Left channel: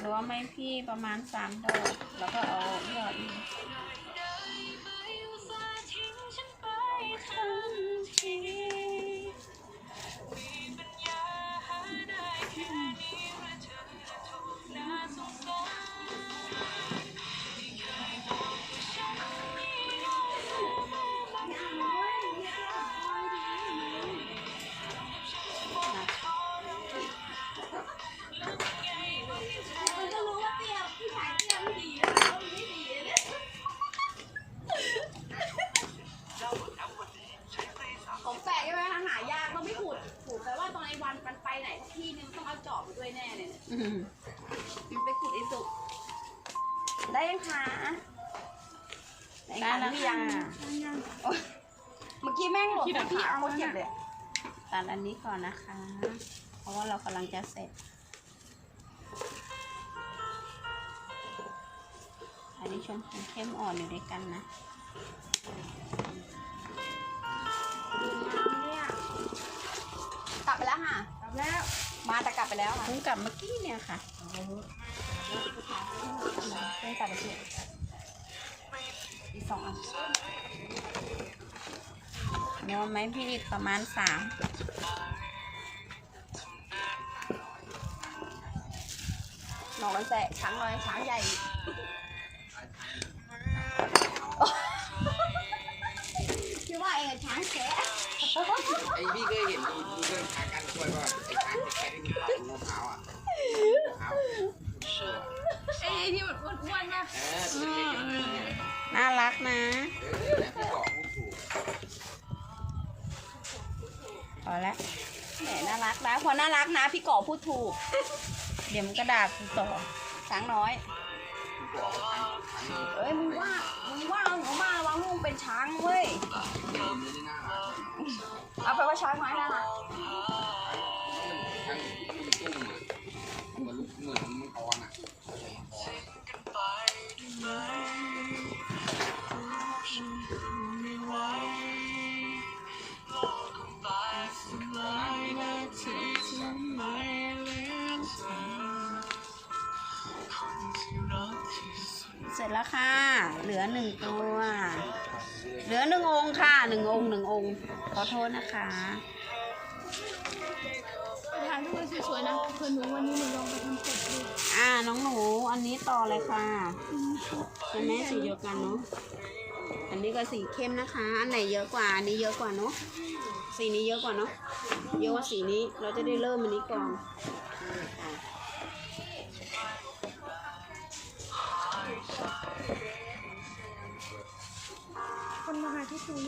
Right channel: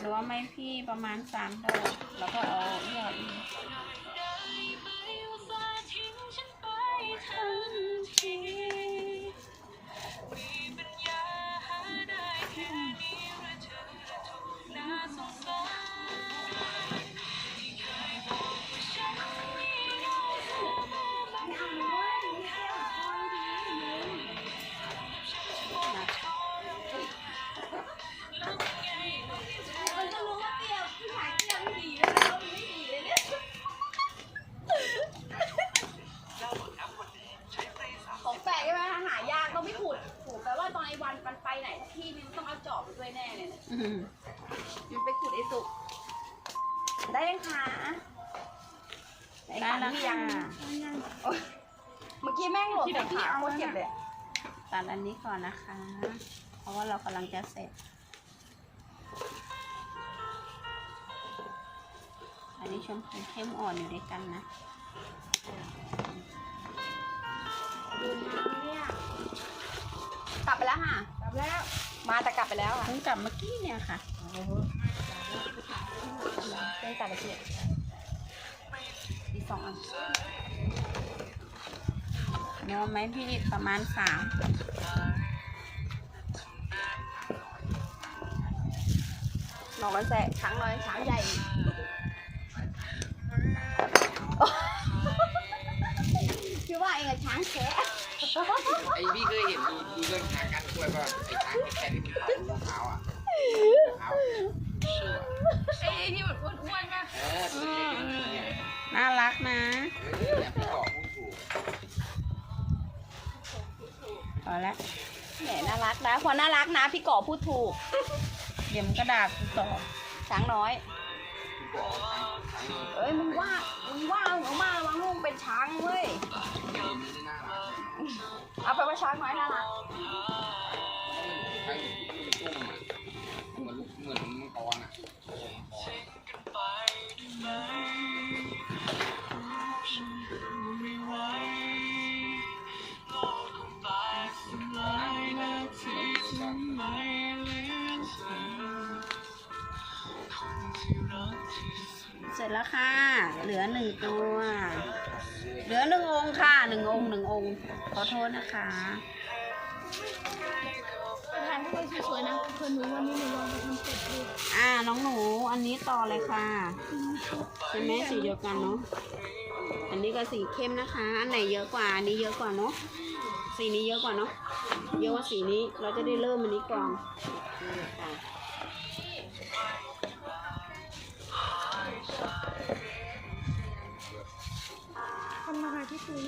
หรือว่าไม้พี่ประมาณสามดอกแล้วก็เอายอดนี้ มมันไปขุดไอ้สุกได้ยังคะได้แล้วพี่ค่ะยังโอ๊ยเมื่อกี้แม่งหลบพี่เอาเจ็บเลยตัดอันนี้ก่อนนะคะ เพราะว่าเรากำลังจะเสร็จ อันนี้ชมพูเข้มอ่อนอยู่ด้วยกันนะเนี่ยกลับไปแล้วค่ะ กลับแล้ว มาแต่กลับไปแล้วเพิ่งกลับเมื่อกี้เนี่ยค่ะเพิ่งกลับไปเที่ยอีกสองอันเนื้อไหมพี่อีกประมาณสามหนอนแสบช้างน้อยช้างใหญ่ ไอ้พี่เคยเห็นมีเรื่องการกันช่วยว่าไอ้ช้างที่แข่งที่เขาลูกขาวอะขาวไอ้ที่มันอ้วนๆป่ะเออตัวเล็กๆเนี่ยน่ารักนะเออเนี่ยพี่บอกพูดถูกพอแล้วแหมน่ารักนะ พอน่ารักนะพี่ก่อพูดถูก เดี๋ยวมันก็ด่ากูต่อช้างน้อยเอ้ยมึงว่ามึงว่าเอาหนูมาวังลูกเป็นช้างเว้ย เสร็จแล้วค่ะ เหลือหนึ่งตัว เหลือหนึ่งองค์ค่ะหนึ่งองค์หนึ่งองค์ ขอโทษนะคะทานด้วยสวยๆนะเพื่อนหนูวันนี้หนูลองไปทำเป็ดดูอ่า น้องหนู อันนี้ต่อเลยค่ะใช่ไหมสีเดียวกันเนาะอันนี้ก็สีเข้มนะคะ อันไหนเยอะกว่า อันนี้เยอะกว่าเนาะสีนี้เยอะกว่าเนาะเยอะกว่าสีนี้เราจะได้เริ่มอันนี้ก่อนคนมาหาที่คุย